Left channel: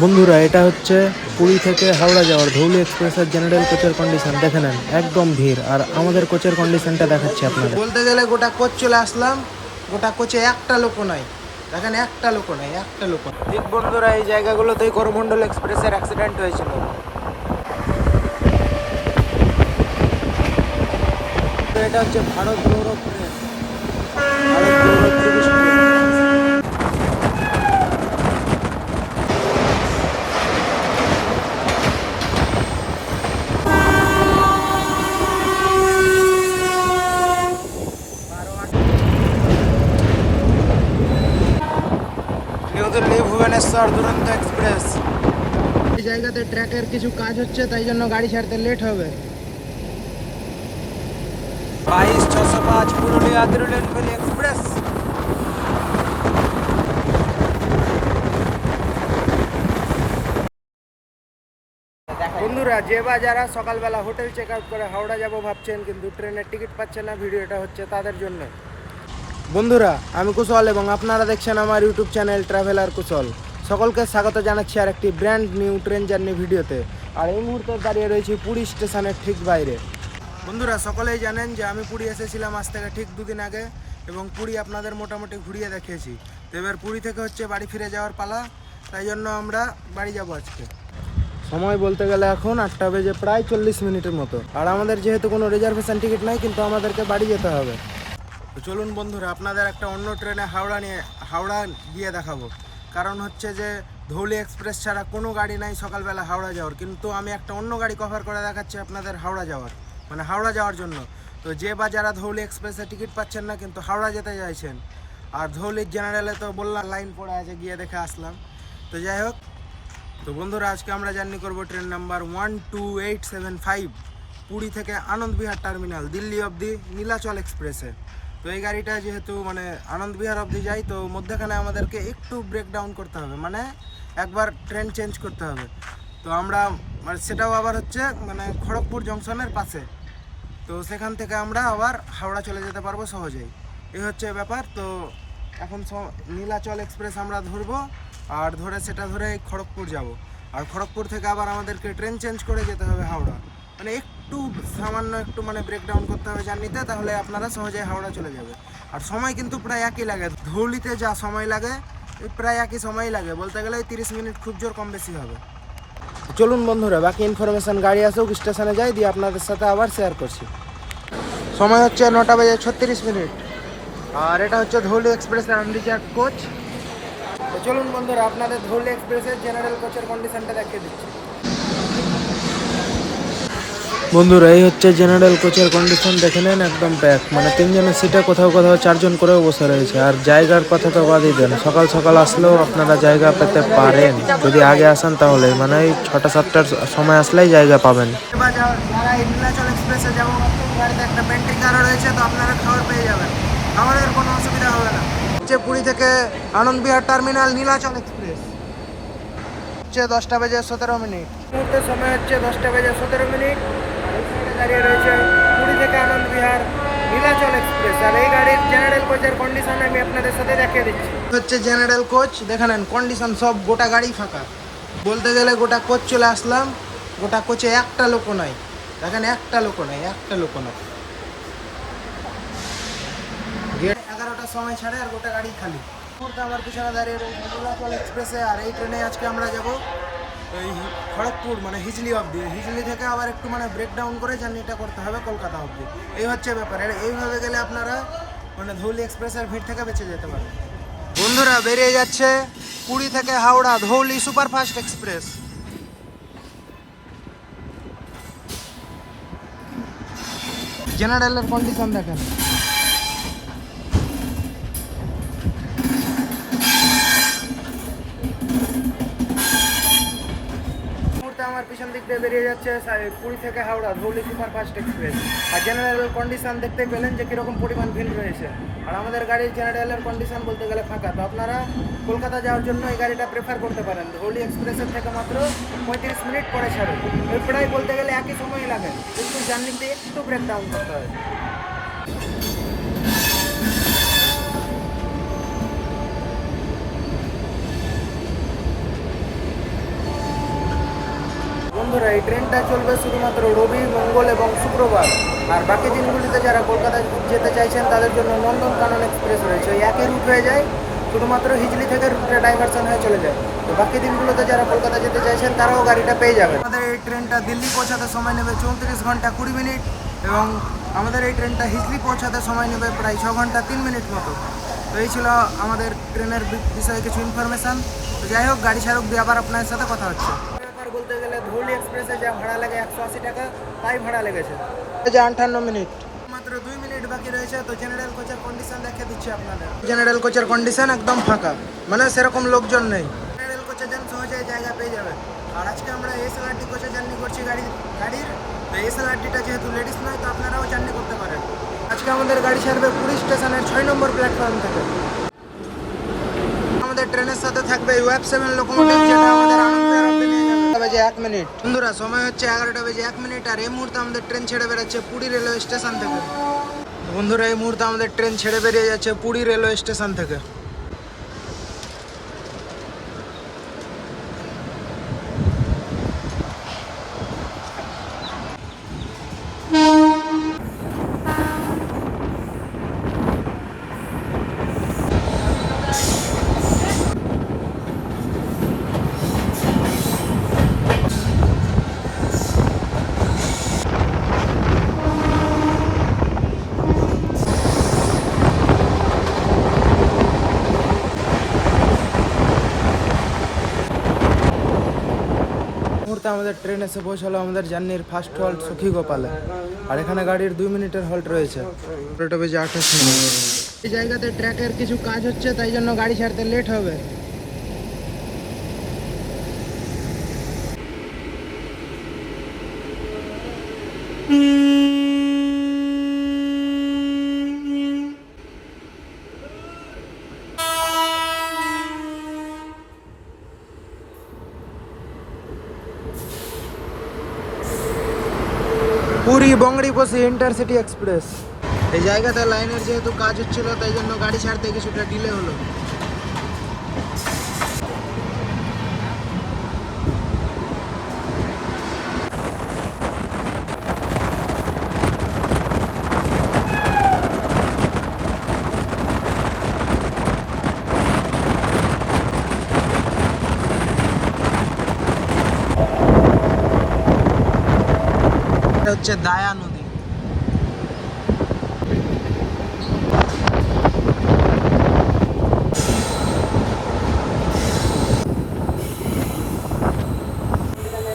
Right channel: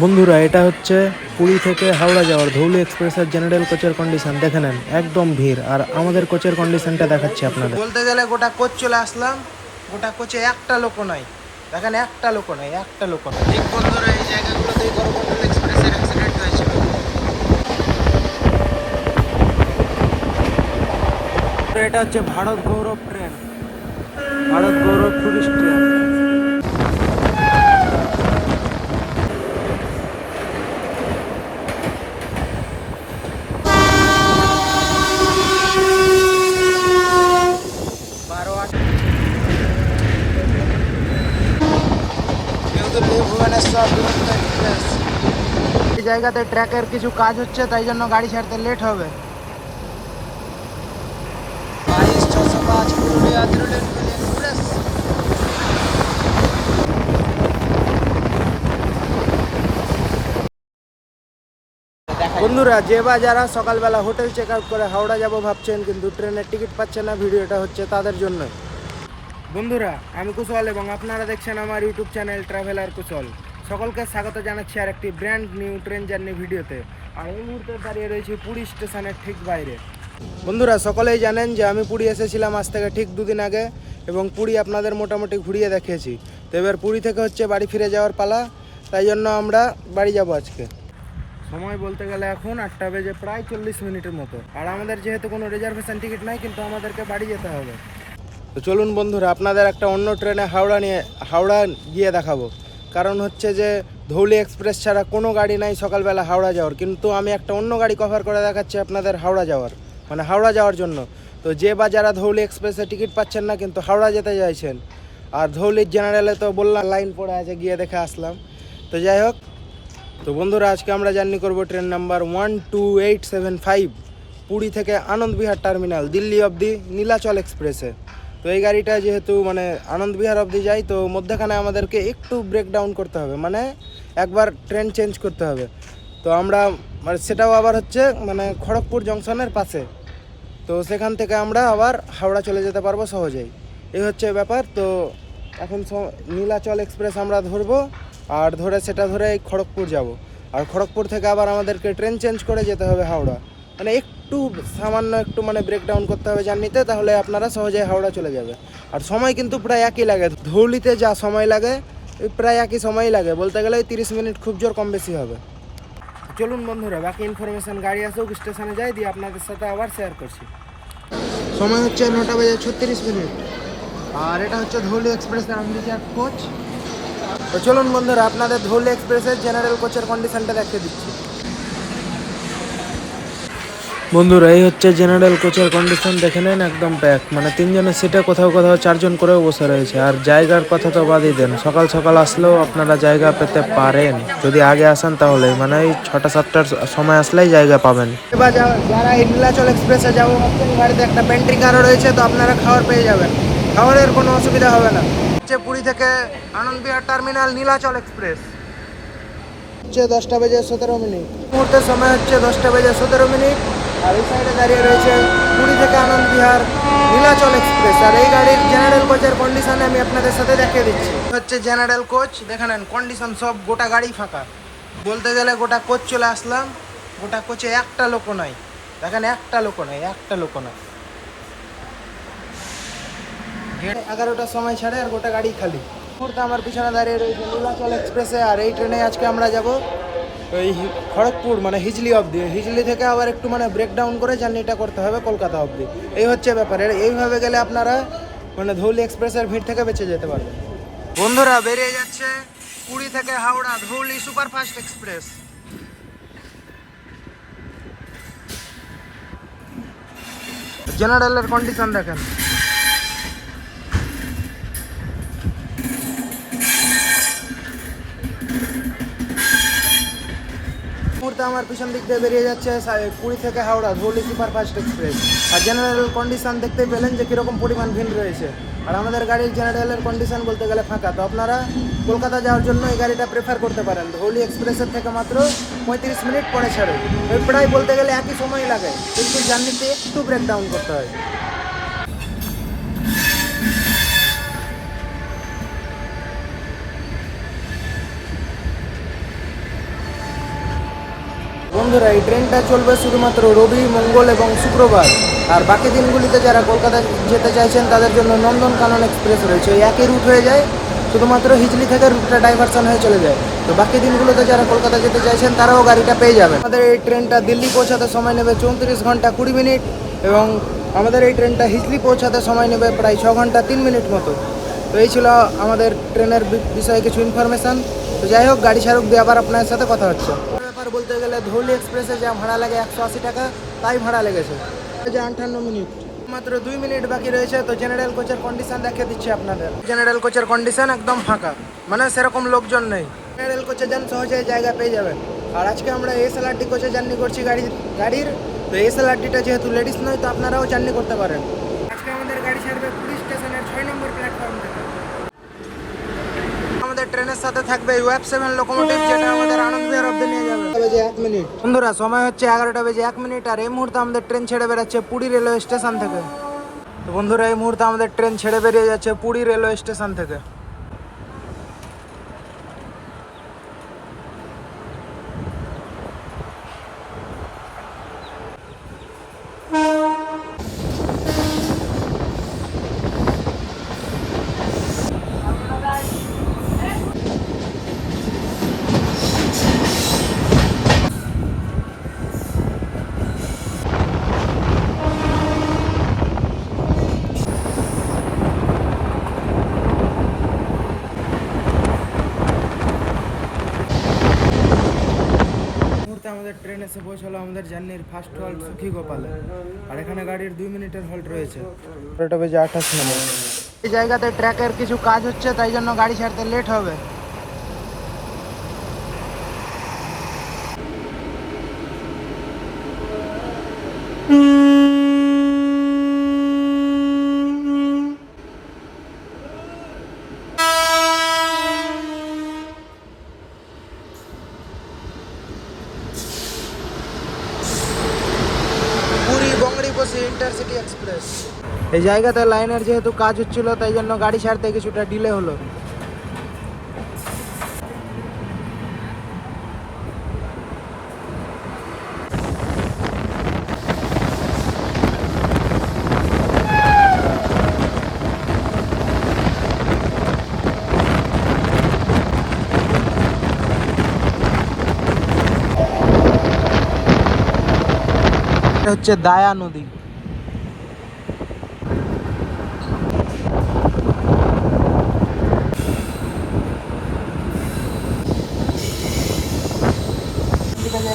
বন্ধুরা, এটা হচ্ছে পুরী থেকে হাওড়া যাওয়ার ধৌলি এক্সপ্রেসের জেনারেল কোচের কন্ডিশন দেখে নেন, একদম ভিড়। আর আমাদের কোচের কন্ডিশনটা দেখাচ্ছি আপনাদের। বলতে গেলে গোটা কোচ চলে আসলাম, গোটা কোচে একটা লোক নাই, দেখেন একটা লোক নাই, একটা লোক নাই। ঠিক বন্ধুরা, এই জায়গাগুলোতেই করমণ্ডল এক্সপ্রেসের অ্যাক্সিডেন্ট হয়েছিল। এটা হচ্ছে ভারত গৌরব ট্রেন, ভারত গৌরব টুরিস্ট ট্রেন। এই জায়গাতে ট্র্যাকের কিছু কাজ হচ্ছে, তাই জন্য গাড়ি ছাড়তে লেট হবে। বন্ধুরা, যে বা যারা সকালবেলা হোটেল চেক আউট করে হাওড়া যাব ভাবছেন কিন্তু ট্রেনের টিকিট পাচ্ছেন না, ভিডিওটা হচ্ছে তাদের জন্যই। বন্ধুরা, আমি কুশল এবং আপনারা দেখছেন আমার ইউটিউব চ্যানেল ট্রাভেলার কুশল। সকলকে স্বাগত জানাচ্ছি আর একটি ব্র্যান্ড নিউ ট্রেন জার্নি ভিডিওতে। আর এই মুহূর্তে দাঁড়িয়ে রয়েছি পুরী স্টেশনের ঠিক বাইরে। বন্ধুরা, সকলেই জানেন যে আমি পুরী এসেছিলাম আজ থেকে ঠিক 2 দিন আগে, এবং পুরী আপনাদের মোটামুটি ঘুরিয়ে দেখিয়েছি। তো এবার পুরী থেকে হচ্ছে বাড়ি ফিরে যাওয়ার পালা, তাই জন্য আমরা বাড়ি যাব আজকে। সময় বলতে গেলে এখন 8টা বেজে প্রায় 40 মিনিটের মতো। আর আমাদের যেহেতু কোনো রিজার্ভেশন টিকিট নাই, কিন্তু আমাদেরকে বাড়ি যেতে হবে। তো চলুন বন্ধুরা, আপনাদের একটা অন্য ট্রেনে হাওড়া গিয়ে দেখাবো। কারণ হচ্ছে যে ধৌলি এক্সপ্রেস ছাড়া কোনো গাড়ি নাই সকালবেলা হাওড়া যাওয়ার, কিন্তু আমি একটা অন্য গাড়ি কভার করে দেখাচ্ছি আপনাদের হাওড়া যাওয়ার, মানে হাওড়া যাওয়ার জন্য। তো যে বা যারা ধৌলি এক্সপ্রেসে টিকিট পাচ্ছেন না কিন্তু হাওড়া যেতে চাইছেন, আর ধৌলির জেনারেলে তো বললাম লাইন পড়ে আছে, গিয়ে দেখে আসলাম। তো যাই হোক, তো বন্ধুরা, আজকে আমরা জার্নি করব ট্রেন নাম্বার 12875 পুরী থেকে আনন্দবিহার টার্মিনাল দিল্লি অবধি নীলাচল এক্সপ্রেসে। তো এই গাড়িটা যেহেতু মানে আনন্দবিহার অবধি যায়, তো মধ্যখানে আমাদেরকে একটু ব্রেকডাউন করতে হবে, মানে একবার ট্রেন চেঞ্জ করতে হবে। তো আমরা মানে সেটাও আবার হচ্ছে মানে খড়গপুর জংশনের পাশে। তো সেখান থেকে আমরা আবার হাওড়া চলে যেতে পারবো সহজেই, এই হচ্ছে ব্যাপার। তো এখন নীলাচল এক্সপ্রেস আমরা ধরবো, আর সেটা ধরে খড়গপুর যাব। আর খড়গপুর থেকে আবার আমাদেরকে ট্রেন চেঞ্জ করে যেতে হবে হাওড়া। মানে একটু সামান্য একটু মানে ব্রেকডাউন করতে হবে জার্নিতে, তাহলে আপনারা সহজেই হাওড়া চলে যাবে। আর সময় কিন্তু প্রায় একই লাগে, ধৌলিতে যা সময় লাগে প্রায় একই সময়ই লাগে, বলতে গেলে 30 মিনিট খুব জোর কম বেশি হবে। চলুন বন্ধুরা, বাকি ইনফরমেশান গাড়ি আসুক, স্টেশনে যাই, দিয়ে আপনাদের সাথে আবার শেয়ার করছি। সময় হচ্ছে 9টা বেজে 36 মিনিট, আর এটা হচ্ছে ধৌলি এক্সপ্রেসের আনন্দবিহার কোচ। তো চলুন বন্ধুরা, আপনাদের ধৌলি এক্সপ্রেসের জেনারেল কোচের কন্ডিশনটা দেখিয়ে দিচ্ছি। বন্ধুরা, এই হচ্ছে জেনারেল কোচের কন্ডিশন, দেখে নেন একদম প্যাক, মানে 3 জনের সিটে কোথাও কোথাও 4 জন করেও বসে রয়েছে। আর জায়গার কথা তো বাদই দেন, সকাল সকাল আসলেও আপনারা জায়গা পেতে পারেন যদি আগে আসেন, তাহলে মানে এই 6টা-7টার সময় আসলেই জায়গা পাবেন। এবার যারা এই নীলাচল এক্সপ্রেসে যাবো ভাবছেন, গাড়িতে একটা পেন্ট্রি কারও রয়েছে, তো আপনারা খাবার পেয়ে যাবেন, খাবারের কোনো অসুবিধা হবে না। হচ্ছে পুরী থেকে আনন্দবিহার টার্মিনাল নীলাচল এক্সপ্রেস, হচ্ছে 10টা বেজে 17 মিনিট। মুহূর্তের সময় হচ্ছে 10টা বেজে 17 মিনিট। আর এই সাইডে দাঁড়িয়ে রয়েছে পুরী থেকে আনন্দবিহার নীলাচল এক্সপ্রেস। আর এই গাড়ির জেনারেল কোচের কন্ডিশন আমি আপনাদের সাথে দেখিয়ে দিচ্ছি। হচ্ছে জেনারেল কোচ, দেখে নেন কন্ডিশন, সব গোটা গাড়ি ফাঁকা। বলতে গেলে গোটা কোচ চলে আসলাম, গোটা কোচে একটা লোক নাই, দেখেন একটা লোক নাই, একটা লোক নাই। 11টার সময় ছাড়ে আর গোটা গাড়ি খালি। মুহূর্তে আমার পিছনে দাঁড়িয়ে রয়েছে নীলাচল এক্সপ্রেসে। আর এই ট্রেনে আজকে আমরা যাব এই খড়গপুর, মানে হিজলি অবধি। হিজলি থেকে আবার একটু মানে ব্রেকডাউন করে জার্নিটা করতে হবে কলকাতা অবধি, এই হচ্ছে ব্যাপার। এইভাবে গেলে আপনারা মানে ধৌলি এক্সপ্রেসের ভিড় থেকে বেঁচে যেতে পারবেন। বন্ধুরা, বেরিয়ে যাচ্ছে পুরী থেকে হাওড়া ধৌলি সুপারফাস্ট এক্সপ্রেস। জেনারেলের কন্ডিশন দেখেন। মুহূর্তে আমার পিছন দিক দিয়ে বেরিয়ে যাচ্ছে পুরী থেকে হাওড়া ধৌলি সুপারফাস্ট এক্সপ্রেস। আর জেনারেল কন্ডিশন দেখতেই পেলেন যে কীরকম পরিমাণ ভিড় রয়েছে। আর আমাদের গাড়ির জেনারেলের কন্ডিশন বলতে গেলে ফাঁকা। তো আপনারা কলকাতা যাওয়ার জন্য এই গাড়িটা প্রেফার করতে পারেন। ধৌলি এক্সপ্রেসের থেকে মাত্র 35 মিনিট পরে ছাড়ে, ওই প্রায় বলতে গেলে একই সময় লাগে, কিন্তু জার্নিতে একটু ব্রেকডাউন করতে হয়। বন্ধুরা এই ট্রেনটা চলবে শুধুমাত্র রবি, মঙ্গল এবং শুক্রবার। আর বাকি দিনগুলিতে যারা কলকাতা যেতে চাইছেন তাদের জন্য নন্দনকানন এক্সপ্রেস রয়েছে, এই একই রুট হয়ে যায়, শুধুমাত্র হিজলি থেকে রুটটা ডাইভারশন হয়ে চলে যায়। তো বাকি দিনগুলোতে যারা কলকাতা যেতে চাইছেন তারাও গাড়িটা পেয়ে যাবেন। আমাদের এই ট্রেনটা দিল্লি পৌঁছাতে সময় নেবে 34 ঘন্টা 20 মিনিট এবং আমাদের এই ট্রেনটা হিজলি পৌঁছাতে সময় নেবে প্রায় 6 ঘন্টা 3 মিনিট মতো। তো এই ছিল আমাদের ট্রেনের বিষয়ে কিছু ইনফরমেশান। তো যাই হোক, গাড়ি ছাড়ুক দিয়ে আবার আপনার সাথে কথা হচ্ছে। ব্যাপার বলতে গেলে ধৌলি এক্সপ্রেসে যা ভাড়া লাগে 180 টাকা, তাই ভাড়া লেগেছে যে 58 মিনিট। মাত্র 2 মিনিট বাকি রয়েছে। তো জেনারেল কোচের কন্ডিশন দেখিয়ে দিচ্ছি আপনাদের। জেনারেল কোচের কন্ডিশন একদম ফাঁকা, মানে সেরকম লোকজন নেই। জেনারেল কোচে যান সহজে জায়গা পেয়ে যাবেন। আর আজকে আমরা এসএলআরটি কোচে জার্নি করছি গাড়ির। তো এসএলআরটিটা যেহেতু লেডিস নয়, তো আপনারাও জার্নি করতে পারেন। আজকে আমাদের গাড়ি ছাড়বে পুরী স্টেশনের 6 নম্বর প্ল্যাটফর্ম থেকে। আমাদের ট্রেনের সাথে থাকবে ওয়েব 7 লোকোমোটিভ, যেটা আমাদের আনন্দের মধ্যে নিয়ে যাবে। বেজে 1 মিনিট বন্ধুরা, সময় হচ্ছে 11টা বেজে 1 মিনিট। আর এই মুহূর্তে আমাদের ট্রেন ছেড়ে বেরোচ্ছে পুরী রেলওয়ে স্টেশন থেকে। তো বন্ধুরা, এই মুহূর্তে আমাদের ট্রেন ছেড়ে বেরিয়ে যাচ্ছে পুরী রেলওয়ে স্টেশন থেকে। মুহূর্তে আমাদের ট্রেন এসে পৌঁছালো আমাদের জার্নির ফার্স্ট হল্ট সখীগোপালে। আর এখানে গাড়ির 2 মিনিটের হল্ট রয়েছে। 11টা বেজে 28 মিনিট। এই জায়গাতে ট্র্যাকের কিছু কাজ হচ্ছে, তাই জন্য গাড়ি ছাড়তে লেট হবে। Puri Bangriposi intercity express. এই জায়গাতে লাইনের যেহেতু কাজ হচ্ছিল, তাই জন্য গাড়ি ছাড়তে কিছুটা ডিলে হলো। হচ্ছে দায়া নদী।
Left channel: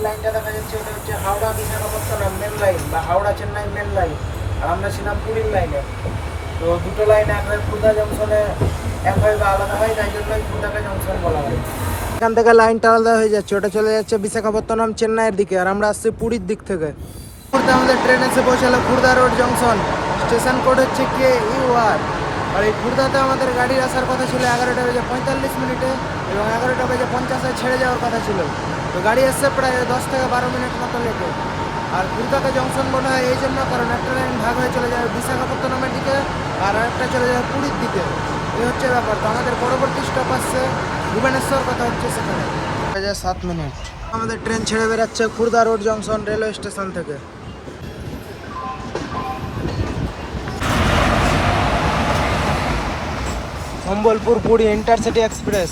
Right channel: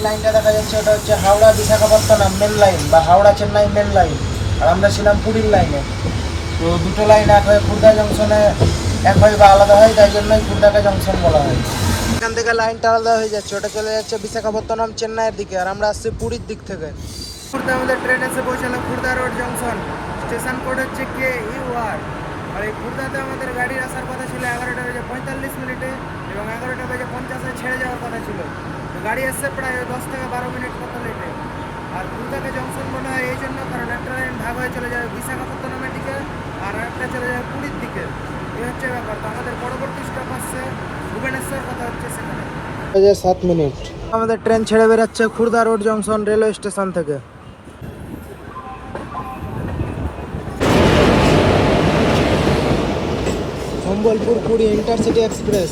লাইনটা দেখা যাচ্ছে, ওটা হচ্ছে হাওড়া বিশাখাপত্তনম মেন লাইন বা হাওড়া চেন্নাই মেন লাইন। আর আমরা ছিলাম পুরীর লাইনে। তো দুটো লাইন এক হয় খুর্দা জংশনে, এক হয় বা আলাদা হয়, তাই জন্যই খুর্দাকে জংশন বলা হয়। এখান থেকে লাইনটা আলাদা হয়ে যাচ্ছে, ওটা চলে যাচ্ছে বিশাখাপত্তনম চেন্নাইয়ের দিকে, আর আমরা আসছি পুরীর দিক থেকে। আমাদের ট্রেন এসে পৌঁছালো Khurda road junction. Station code হচ্ছে KUR। আর এই খুর্দাতে আমাদের গাড়ি আসার কথা ছিল 11টা বেজে 45 মিনিটে এবং 11টা বেজে 50-এ ছেড়ে যাওয়ার কথা ছিল। তো গাড়ি এসছে প্রায় 10 থেকে 12 মিনিট মতো লেটে। আর খুর্দাকে জংশন বলা হয় এই জন্য, কারণ একটা লাইন ভাগ হয়ে চলে যায় বিশাখাপত্তনমের দিকে আর একটা চলে যায় পুরীর দিকে। এই হচ্ছে ব্যাপার। তো আমাদের পরবর্তী স্টপ আসছে ভুবনেশ্বর, কথা হচ্ছে সেখানে। 7 মিনিট আমাদের ট্রেন ছেড়ে বেরোচ্ছে Khurda road junction railway station থেকে। Sambalpur Puri intercity express.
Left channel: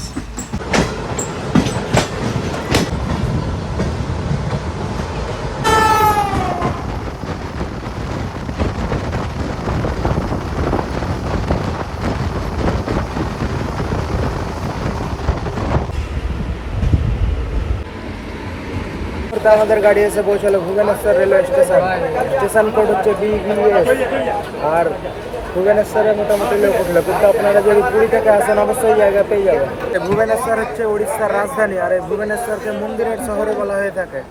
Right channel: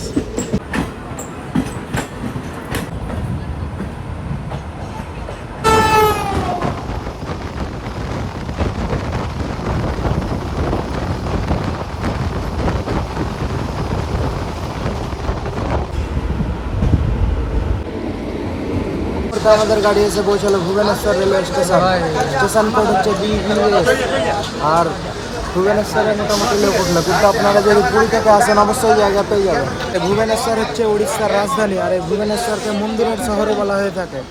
আমাদের গাড়ি এসে পৌঁছালো Bhubaneswar railway station. Station code হচ্ছে BVS। আর ভুবনেশ্বরে মোটামুটি লোক উঠলো, কিন্তু আপনারা যদি পুরী থেকে আসেন অবশ্যই জায়গা পেয়ে যাবেন। ভুবনেশ্বর হচ্ছে উড়িষ্যার রাজধানী, আর এই ভুবনেশ্বরকে মন্দিরের শহরে বলা হয়ে থাকে।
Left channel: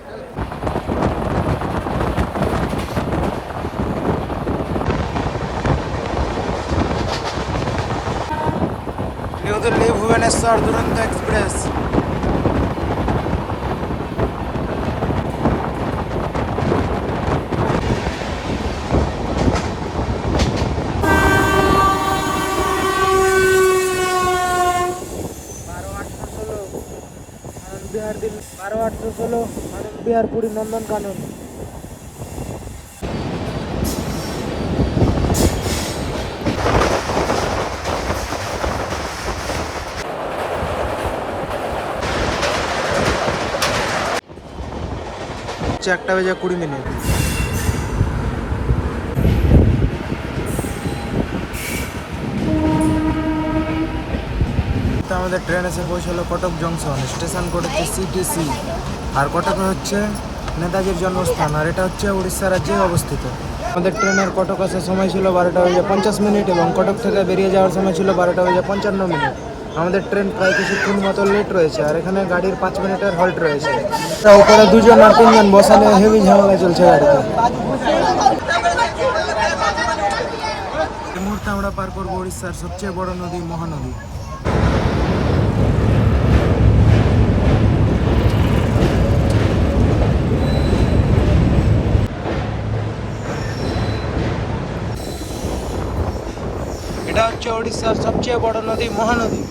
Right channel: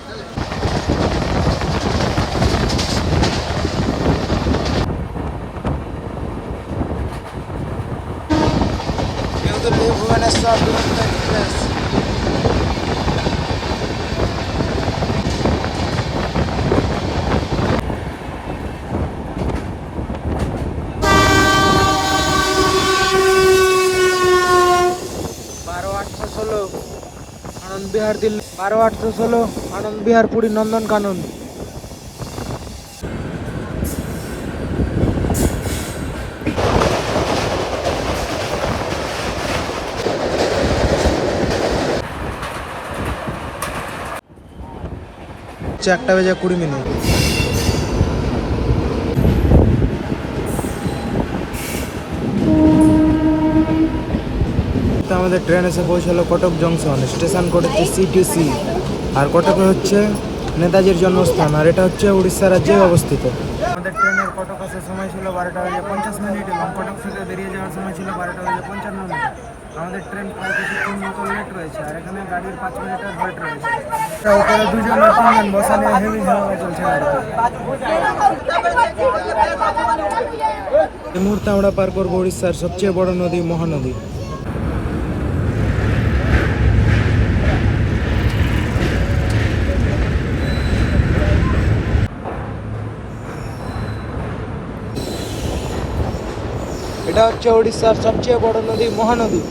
বিহার দিল্লি 12-816 আনন্দ বিহার পুরী নন্দন কানন। হচ্ছে 1:20 আমাদের ট্রেন এসে পৌঁছালো কটক জংশন। স্টেশন কোড হচ্ছে CTC। আর কটকে হচ্ছে নেতাজির জন্মস্থান, আর এটা হচ্ছে উড়িষ্যা রাজ্যে অবস্থিত। আমাদের ট্রেনের কটক আসার সময় ছিল 12:50 এবং কটক থেকে বেরিয়ে যাওয়ার সময় ছিল 12:55। আমাদের ট্রেন প্রায় কিছুক্ষণ মতো লেট রয়েছে, আর এখানে গাড়ির 5 মিনিটের হল্ট রয়েছে। উপরে 2জন আর 3জন বসা নিয়ে হেভি ঝামেলা চলছে গাড়িতে। এই মুহূর্তে আমরা পার করবো উড়িষ্যার সবচেয়ে বড় নদী মহানদী। এটা হচ্ছে উড়িষ্যার সবচেয়ে বড় নদী মহানদী।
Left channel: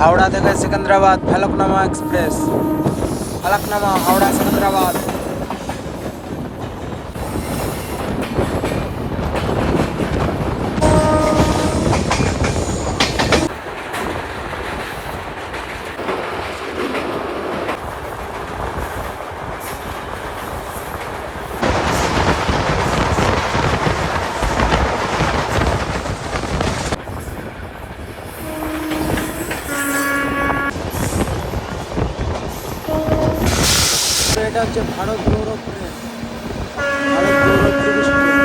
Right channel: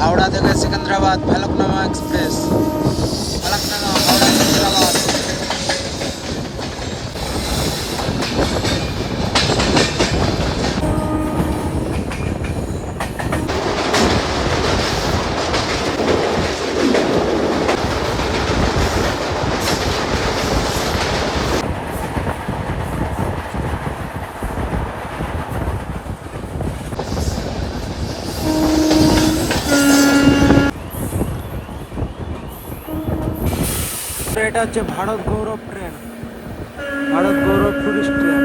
হাওড়া থেকে সিকান্দ্রাবাদ ফলকনামা এক্সপ্রেস। ফলকনামা হাওড়া সিকান্দ্রাবাদ। এটা হচ্ছে ভারত গৌরব ট্রেন। ভারত গৌরব টুরিস্ট ট্রেন।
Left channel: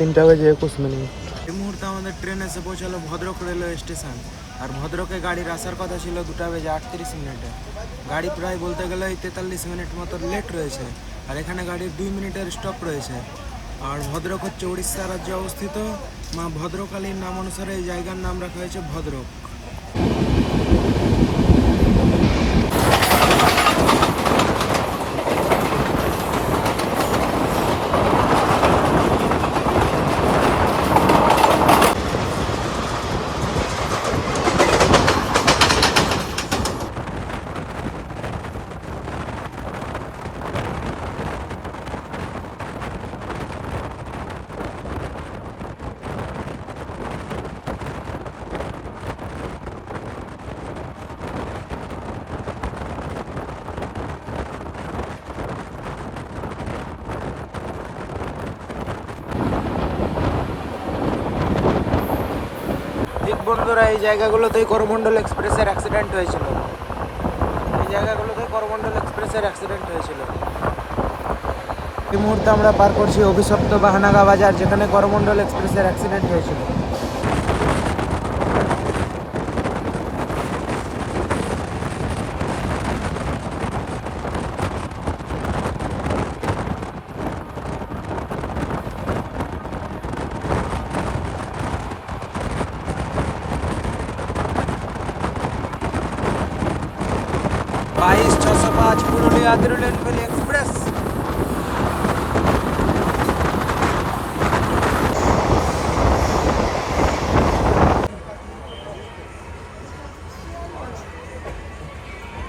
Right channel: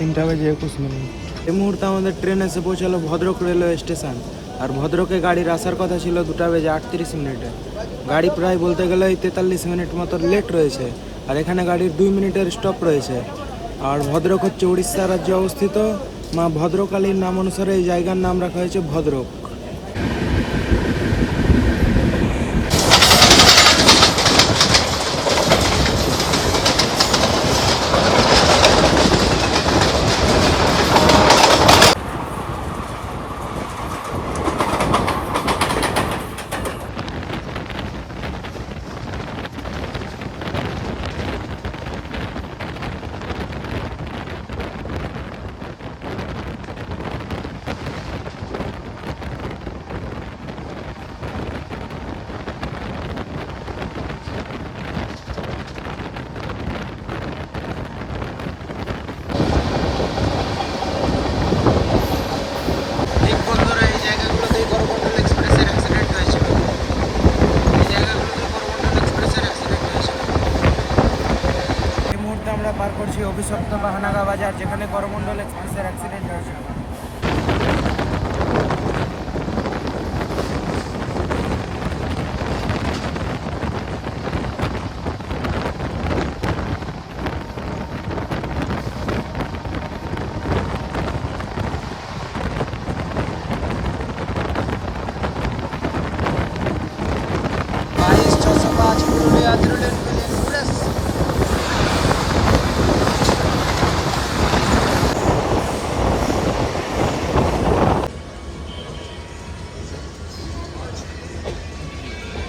তিনটা বেজে 21 এই মুহূর্তে আমাদের ট্রেন এসে পৌঁছালো ভদ্রক রেলওয়ে স্টেশন। আর ভদ্রকে গাড়ির আসার কথা ছিল 2:38। গাড়ি প্রায় বলতে গেলে 43 মিনিট মতো লেট রয়েছে, আর এখানে গাড়ির 2 মিনিটের স্টপ রয়েছে। আর ভদ্রক হচ্ছে উড়িষ্যা রাজ্যে অবস্থিত। মা ভদ্রকালীর নাম অনুসারে এই জায়গার নাম রাখা হয়েছে ভদ্রক। বন্ধুরা এই জায়গাগুলোতেই করমণ্ডল এক্সপ্রেসের অ্যাক্সিডেন্ট হয়েছিল। এই জায়গাগুলোতে করমণ্ডল এক্সপ্রেসের অ্যাক্সিডেন্ট হয়েছিল। এই মুহূর্তে আমরা পার করছি অভিশপ্ত বাহানাগা বাজার, যেখানে করমণ্ডল এক্সপ্রেসের অ্যাক্সিডেন্ট হয়েছিল।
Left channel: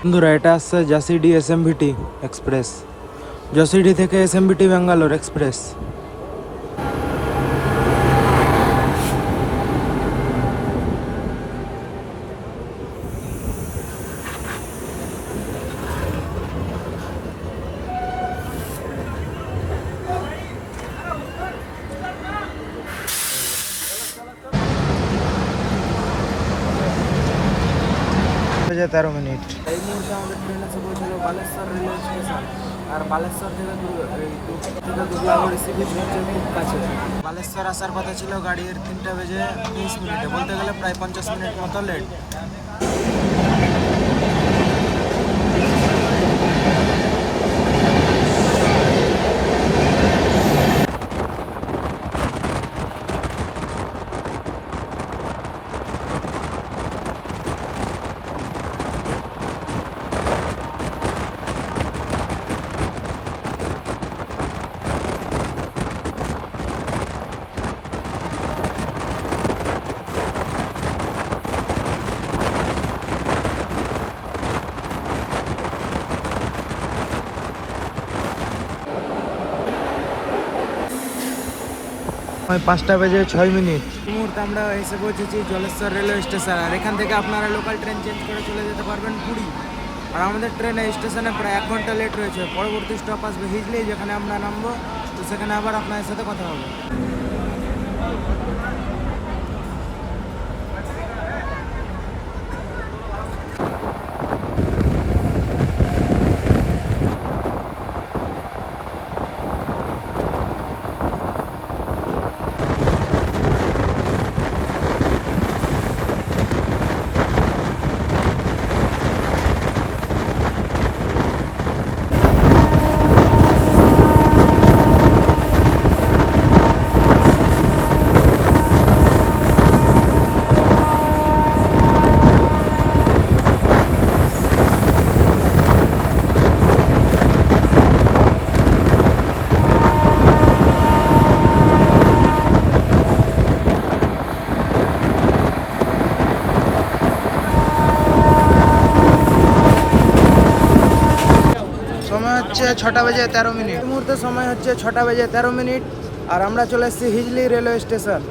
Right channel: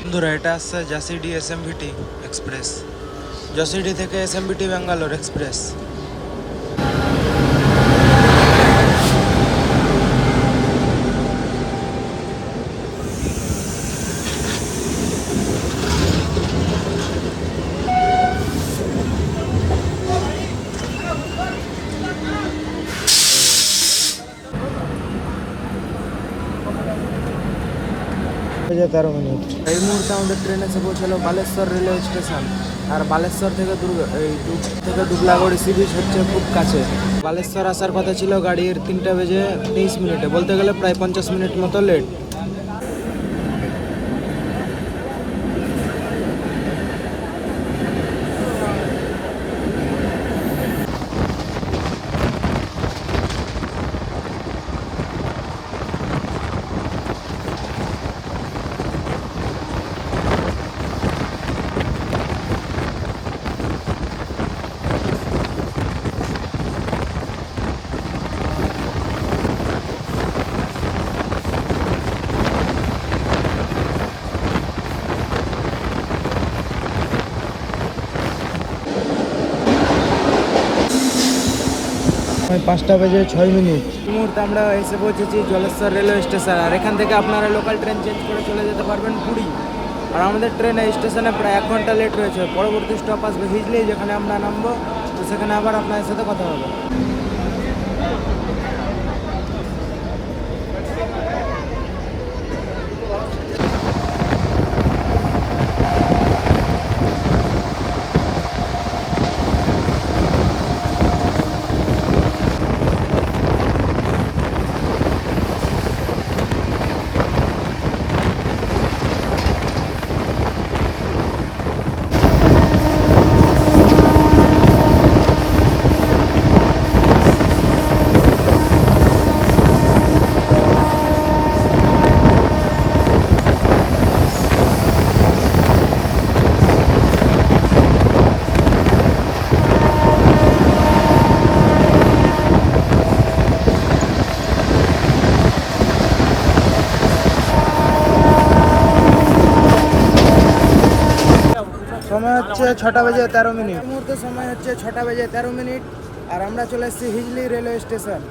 বন্ধুরা এটা আসছে জাসিডি এসএমভিটি এক্সপ্রেস, জাসিডি থেকে এসএমভিটি ব্যাঙ্গালোর এক্সপ্রেস। বাজে 13 মিনিট। এই মুহূর্তে আমাদের ট্রেন এসে পৌঁছালো বালেশ্বর রেলওয়ে স্টেশন। আর বালেশ্বর থেকে দুবলাগড়ি সি বিচ হচ্ছে খুব কাছে। বালেশ্বর আসার কথা ছিল গাড়ির 3টা বেজে 23 মিনিটে, বলতে গেলে প্রায় 50 মিনিট মতো লেট। ওই 5টা বেজে 6 মিনিট। এই মুহূর্তে আমরা এসে পৌঁছেছি জলেশ্বর রেলওয়ে স্টেশন। আর এখান থেকে আপনারা লোকাল ট্রেন চেঞ্জ করে চলে যেতে পারবেন পুরী। আর আমাদের ট্রেন এই স্টেশনে প্রায় 1 ঘন্টা লেট রয়েছে। পরবর্তী স্টপ আসবে হিজলি, যেখানে আমরা নামবো। তো সেখানে আবার আপনাদের সাথে কথা হবে। হচ্ছে 6টা বেজে 13 মিনিট। এই মুহূর্তে সময় হচ্ছে 6টা বেজে 13 মিনিট। আর আমরা চলে এসেছি হিজলি রেলওয়ে স্টেশন।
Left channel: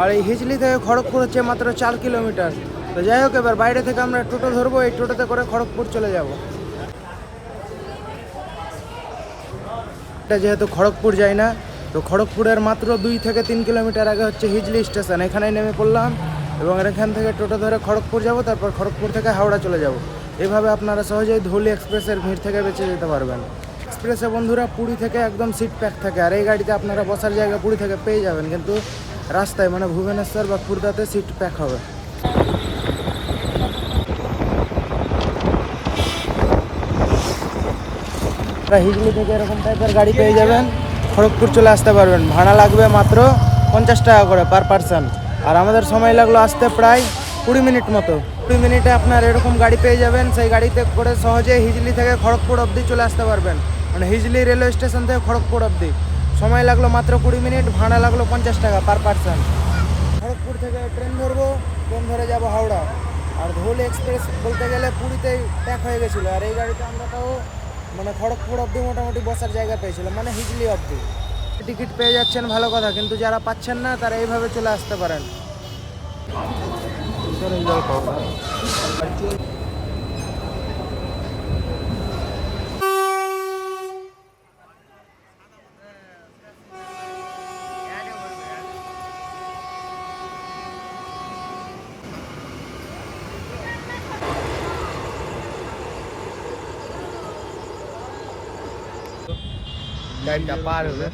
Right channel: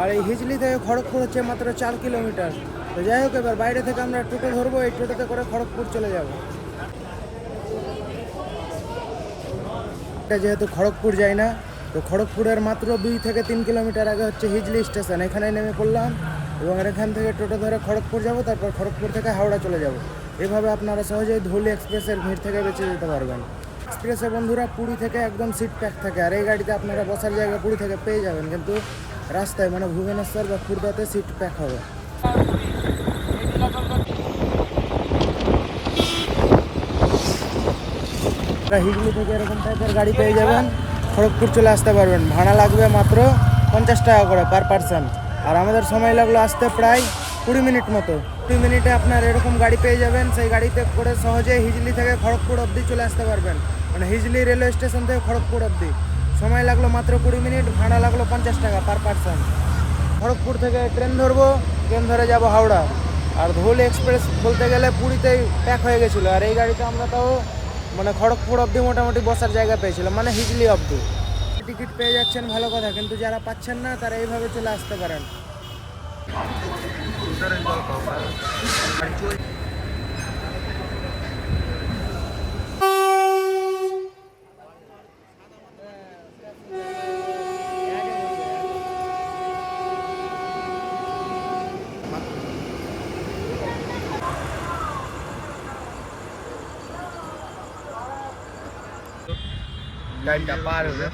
আর এই হিজলি থেকে খড়গপুর হচ্ছে মাত্র 4 কিলোমিটার। তো যাই হোক, এবার বাইরে থেকে আমরা টোটো ধরবো। এই টোটোতে করে খড়গপুর চলে যাব। এটা যেহেতু খড়গপুর যাই না, তো খড়গপুরের মাত্র 2 থেকে 3 কিলোমিটার আগে হচ্ছে হিজলি স্টেশন। এখানে নেমে পড়লাম এবং এখান থেকে টোটো ধরে খড়গপুর যাব। তারপর খড়গপুর থেকে হাওড়া চলে যাব। এভাবে আপনারা সহজেই ধুলি এক্সপ্রেসের ভিড় থেকে বেঁচে যেতে পারবেন। এক্সপ্রেসে বন্ধুরা পুরী থেকে একদম সিট প্যাক থাকে। আর এই গাড়িতে আপনারা বসার জায়গা পুরী থেকে পেয়ে যাবেন, কিন্তু রাস্তায় মানে ভুবনেশ্বর বা খুর্দাতে সিট প্যাক হবে। হিজলি থেকে এরকম টাইপের গাড়ি পেয়ে যাবেন, খড়গপুর চলে আসতে পারবেন। ভাড়া লাগবে মাত্র 50 টাকা করে পার পারসন। আর আমাদের সময় লাগলো আসতে প্রায় 20 মিনিট মতো। 20 মিনিটে আপনার এরকম গাড়ি পেয়ে যাবেন। সেই গাড়িতে করে সহজে হিজলি থেকে খড়গপুর অবধি চলে আসতে পারবেন, মানে হিজলি রেলওয়ে স্টেশন থেকে খড়গপুর অবধি। সময় লাগলো মাত্র 20 মিনিট, ভাড়া লাগলো 50 টাকা পার পারসন। খড়গপুর থেকে ট্রেন ধরবো, ট্রেন ধরে যাব হাওড়া। আর ধুলি এক্সপ্রেস বলতে গেলে পুরীতেই প্যাক হয়ে গেছিলো। আর এই গাড়িতে আমরা তাও মানে খড়গপুর অবধি মোটামুটি বসার জায়গা পেয়েছিলাম, মানে হিজলি অবধি। টিকিট পেয়ে যাচ্ছেন ভালো কথা, কিন্তু যারা পাচ্ছেন না তারা এইভাবে চলে আসতে পারেন। চারটা পার হলে